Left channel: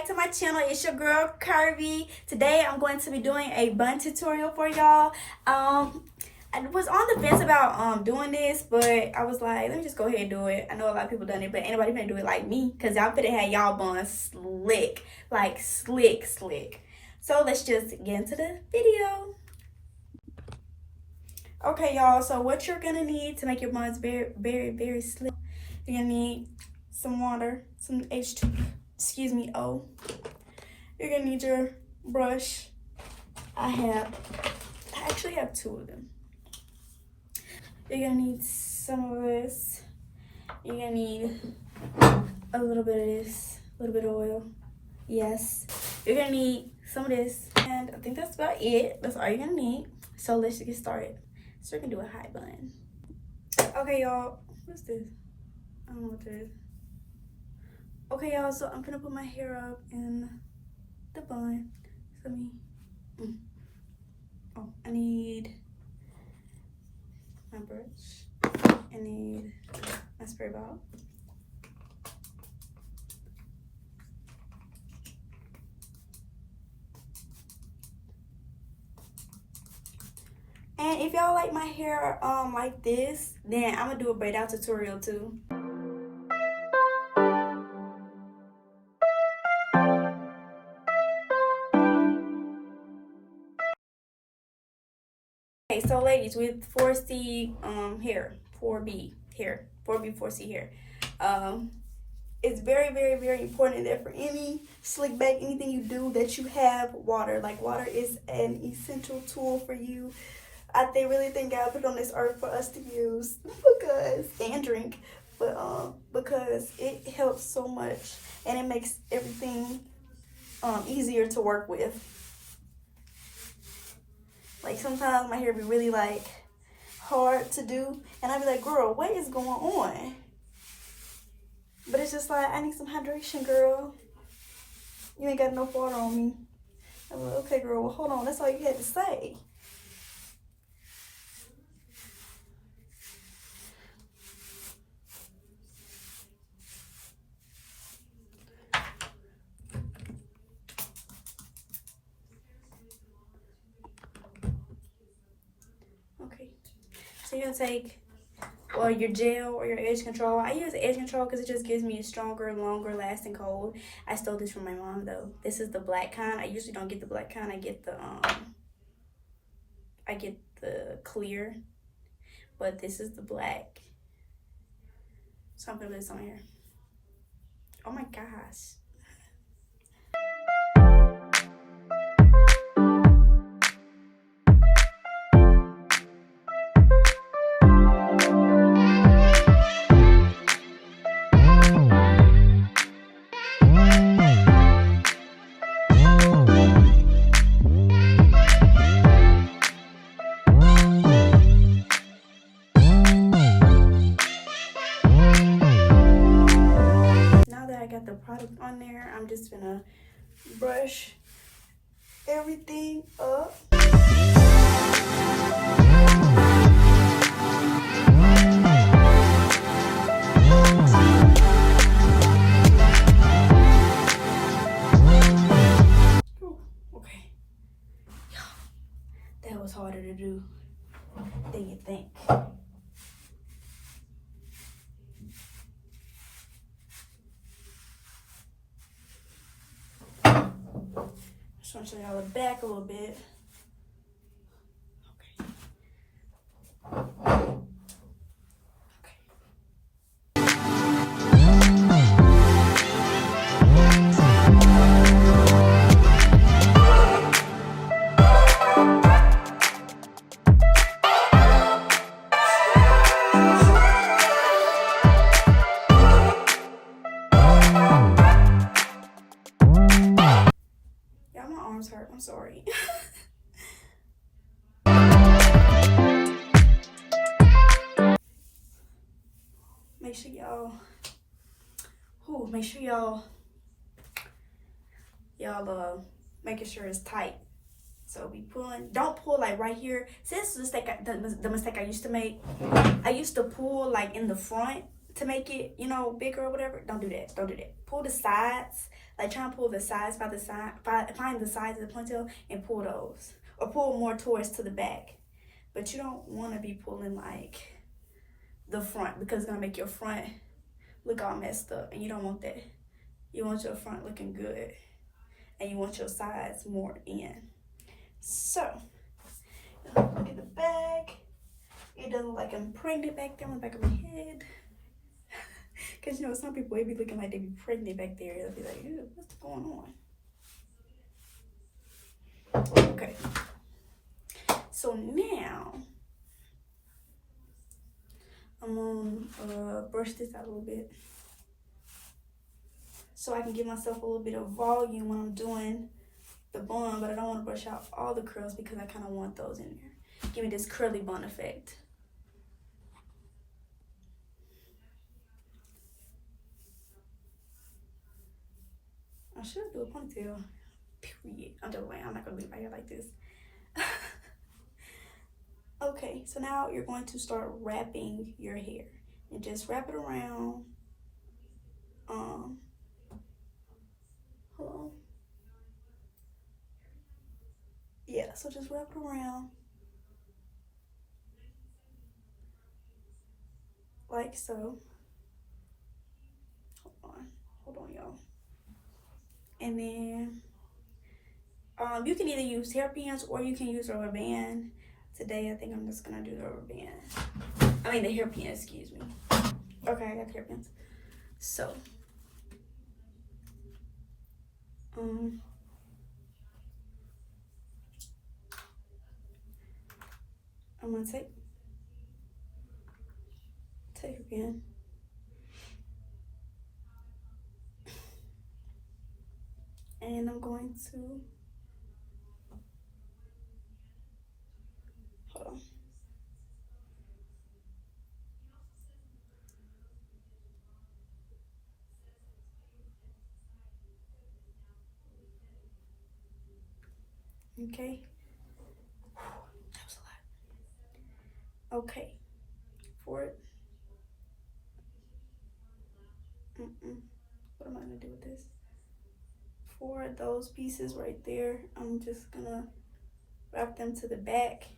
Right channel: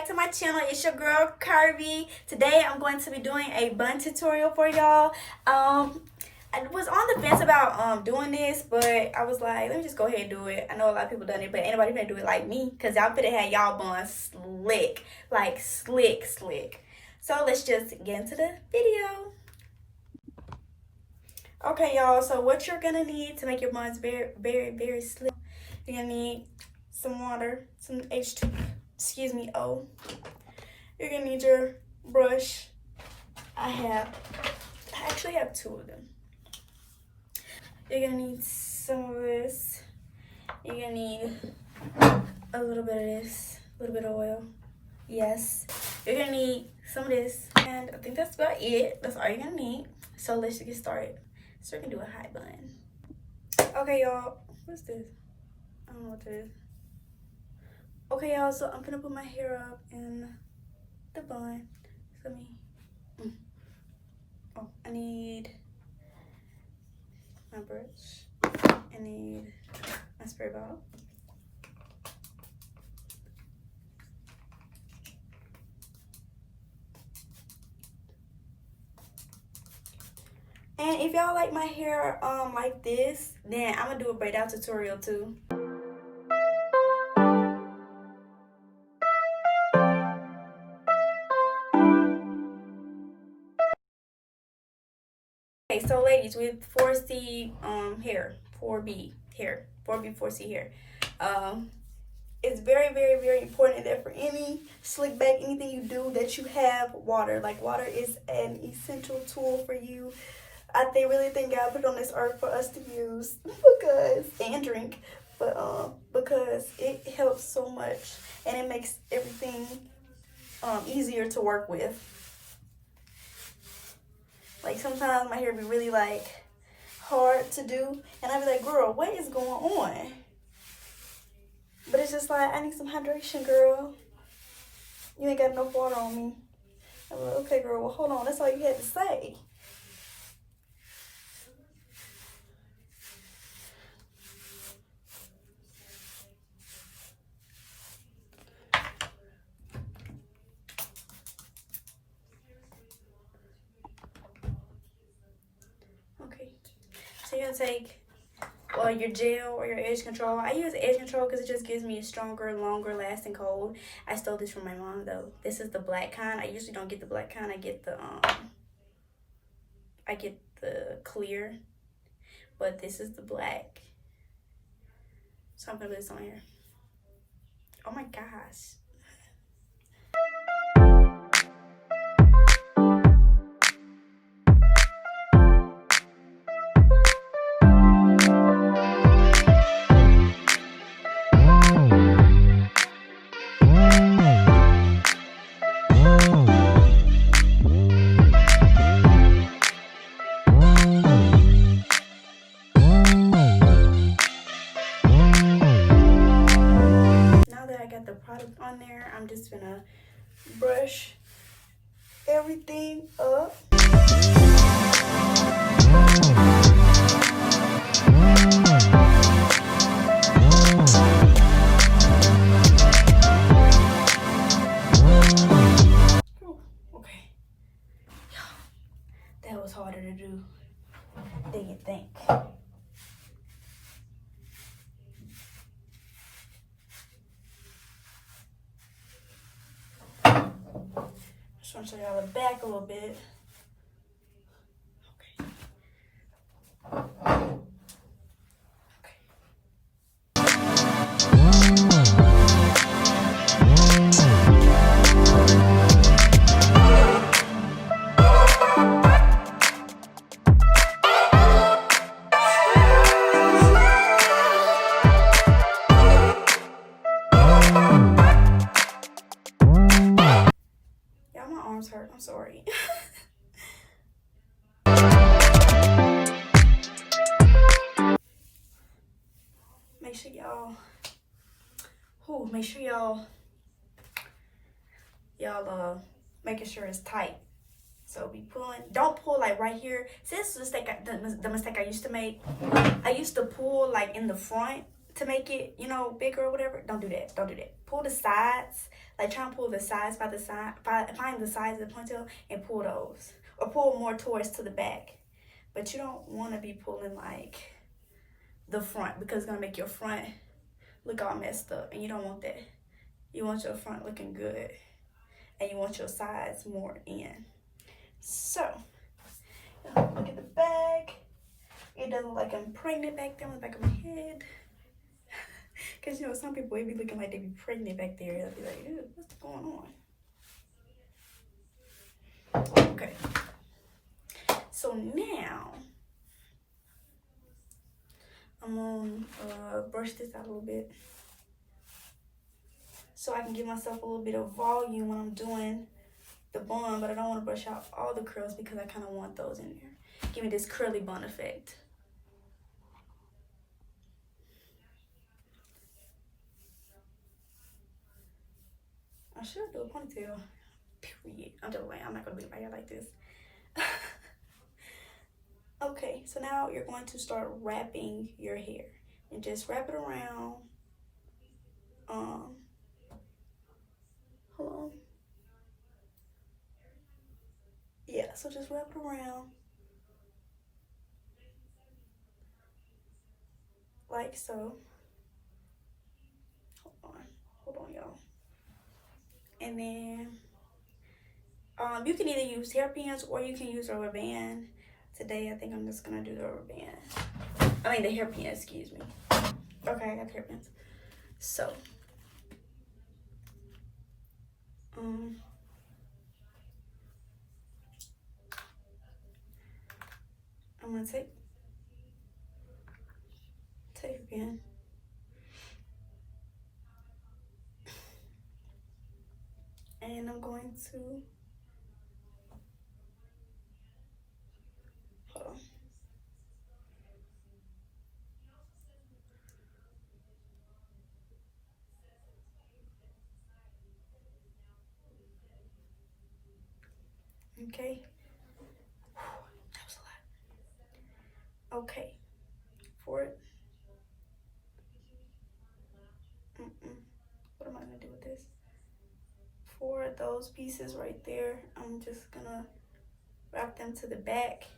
back to my channel. It's your girl Kirby. Today I'm going to be doing a bun tutorial for y'all. I was on the fence about doing this, but I was like, let me just go ahead and do it. I know a lot of people done it, but anybody finna do it like me, because y'all finna have y'all buns slick, like slick. So let's just get into the video. Okay, y'all, so what you're gonna need to make your buns very slick, you're gonna need some water, some O. You're gonna need your brush. I actually have two of them. You're gonna need some of this. You're gonna need a little bit of this, a little bit of oil. Yes. You're gonna need some of this, and I think that's about it. That's all you're gonna need. So let's get started. So we're gonna do a high bun. Okay, y'all. What's this? I don't know what this is. Okay, y'all. So I'm gonna put my hair up in the bun. So I need my brush. I need my spray bottle. And if y'all like my hair like this, then I'm gonna do a braid out tutorial too. Okay, so ladies, with 4C hair, 4B hair, 4B, 4C hair, it's very important that for any slick back, anything you do, that you have water. Like, water is an essential tool for you. Really think God put it on this earth for us to use and drink, but because it helps so much and it makes everything easier to work with. Like, sometimes my hair be really like hard to do, and I be like, girl, what is going on? But it's just like, I need some hydration, girl. You ain't got enough water on me. I'm like, okay, girl, well, hold on. That's all you had to say. So you're gonna take, well, your gel or your edge control. I use edge control because it just gives me a stronger, longer lasting cold. I stole this from my mom though. This is the black kind. I usually don't get the black kind. I get the clear, but this is the black. So I'm gonna put this on here. Oh my gosh. The product on there, I'm just gonna brush everything up. Okay, that was harder to do than you think. Just want to show y'all the back a little bit. Hurt. I'm sorry. Make sure y'all making sure it's tight. So be pulling. Don't pull like right here. See, this is the mistake I used to make. I used to pull like in the front to make it, you know, bigger or whatever. Don't do that. Pull the sides Like try and pull the sides by the side, find the sides of the ponytail and pull those, or pull more towards to the back. But you don't want to be pulling like the front, because it's gonna make your front look all messed up, and you don't want that. You want your front looking good, and you want your sides more in. So look at the back. It doesn't look like I'm pregnant back there on the back of my head. Because, you know, some people, it be looking like they be pregnant back there. They'll be like, ew, what's going on? Okay. So now, I'm going to brush this out a little bit, so I can give myself a little bit of volume when I'm doing the bun, but I don't want to brush out all the curls because I kind of want those in there. Give me this curly bun effect. I should do a ponytail. Period. I'm just playing. I'm not gonna leave my hair like this. Okay, so now you're going to start wrapping your hair, and just wrap it around. Hold on. Yeah, so just wrap it around like so. Hold on, y'all. And then you can either use hairpins or you can use a rubber band. Today, I think I'm just gonna do the rubber band. I mean the hairpin, excuse me. Okay, I got the hairpins. So, I'm gonna take a pin. And I'm going to, hold on. Okay. That was a lot. Okay. For it. What am I gonna do with this? For those pieces right there, I'm just gonna wrap them to the back.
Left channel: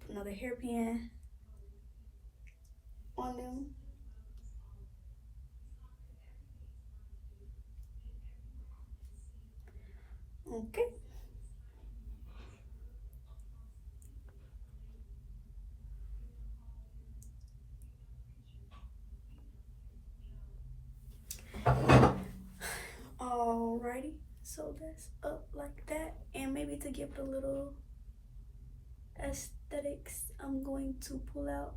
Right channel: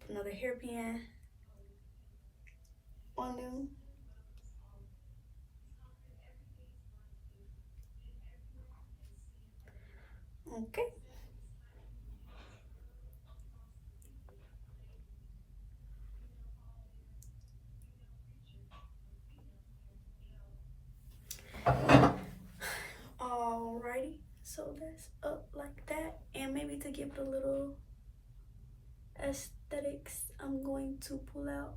Put another hairpin on them. Okay. Alrighty, so that's up like that, and maybe to give it a little aesthetics, I'm going to pull out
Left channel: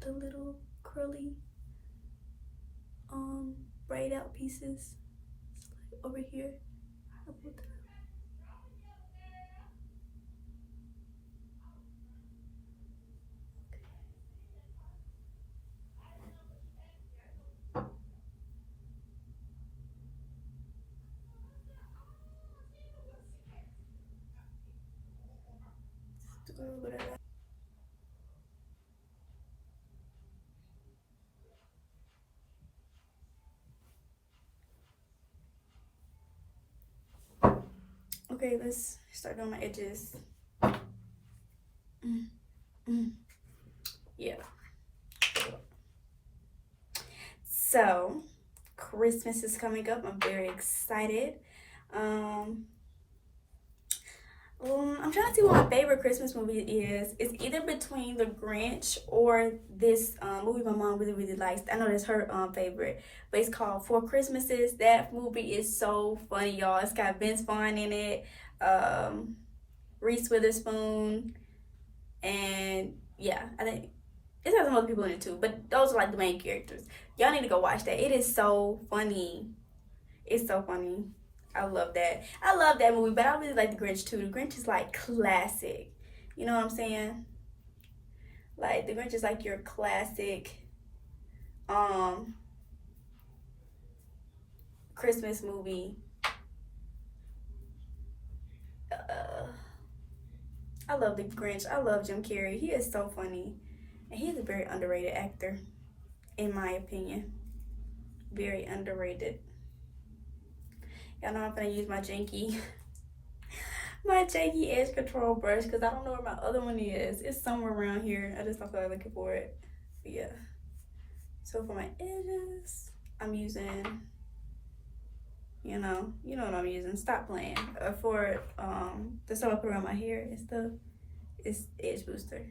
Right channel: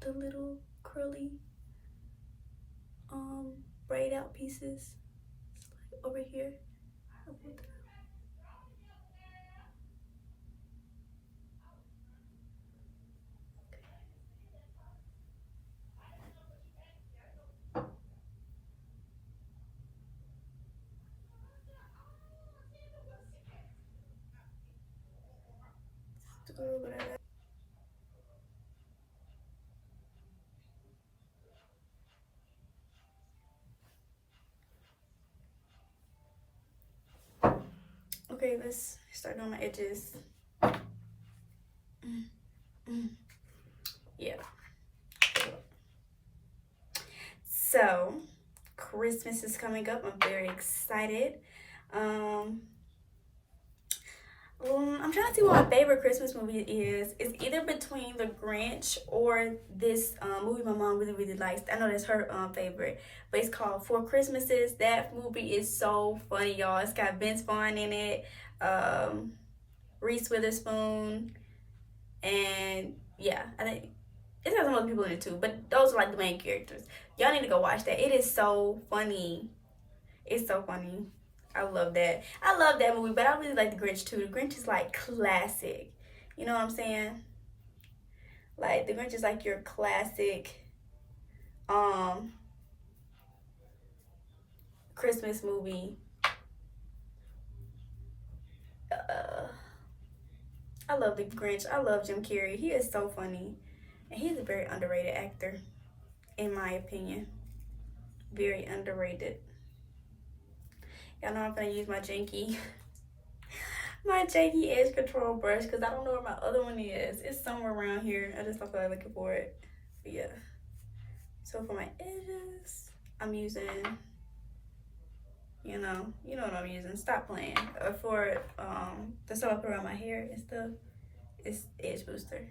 the little curly braid out pieces, like over here. I pulled that out. Do a little bit of that. Okay, let's start on my edges. Yeah. So, Christmas is coming up. I'm very excited. I'm trying to see what my favorite Christmas movie is. It's either between The Grinch or this movie my mom really, really likes. I know that's her favorite, but it's called Four Christmases. That movie is so funny, y'all. It's got Vince Vaughn in it, Reese Witherspoon, and yeah, I think it has some other people in it too, but those are like the main characters. Y'all need to go watch that. It is so funny. It's so funny. I love that. I love that movie, but I really like The Grinch too. The Grinch is like classic. You know what I'm saying? Like The Grinch is like your classic Christmas movie. I love The Grinch. I love Jim Carrey. He is so funny. And he's a very underrated actor, in my opinion. Very underrated. Y'all know I'm gonna use my janky my janky edge control brush because I don't know where my other one is. It's somewhere around here. I just don't feel like looking for it. But yeah. So for my edges, I'm using, you know what I'm using. Stop playing. For the stuff I put around my hair and stuff, it's edge booster.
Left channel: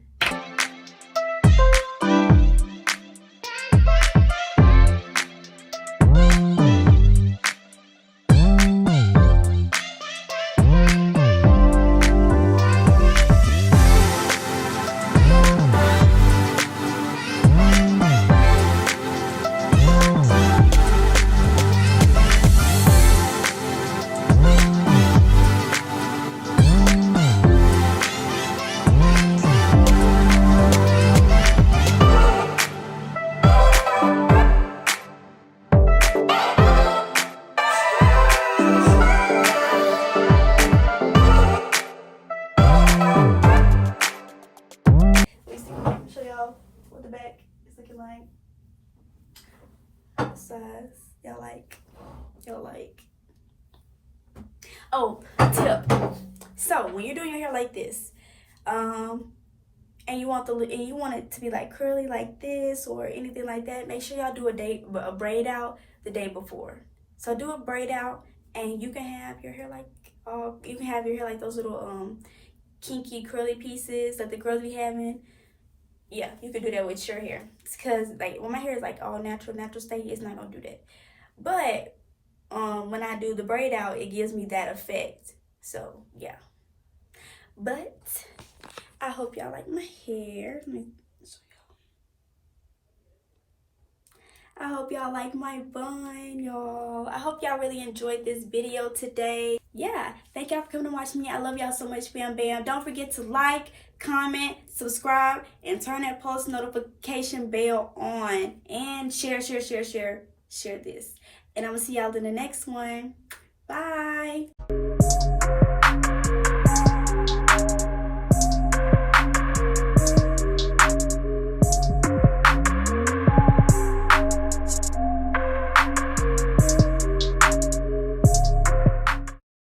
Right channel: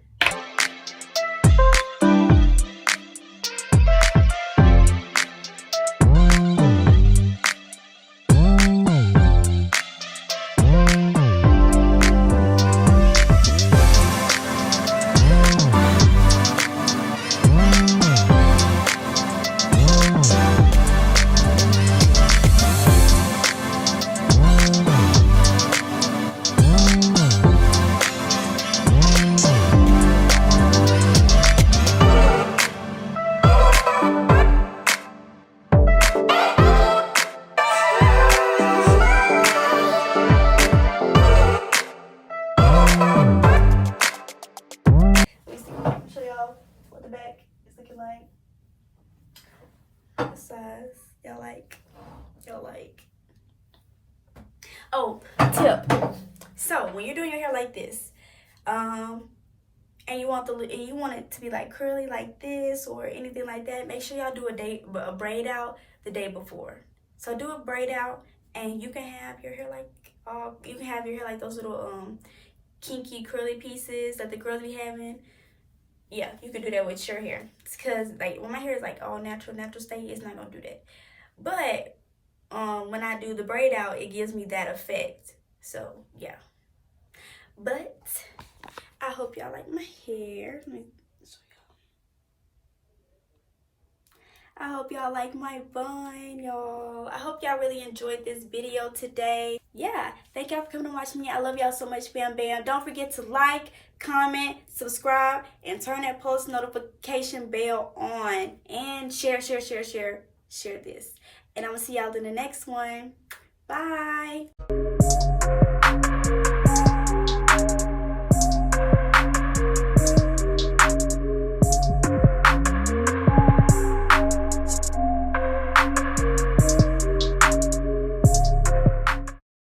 Y'all like. Oh, tip. So when you're doing your hair like this, and you want it to be like curly like this or anything like that, make sure y'all do a braid out the day before. So do a braid out, and you can have your hair like those little kinky curly pieces that the girls be having. Yeah, you can do that with your hair. It's because like when my hair is like all natural state, it's not gonna do that. But when I do the braid out, it gives me that effect. So yeah. But I hope y'all like my hair. Let me show y'all. I hope y'all like my bun, y'all. I hope y'all really enjoyed this video today. Yeah, thank y'all for coming to watch me. I love y'all so much, fam bam. Don't forget to like, comment, subscribe, and turn that post notification bell on. And share this. And I'm gonna see y'all in the next one. Bye.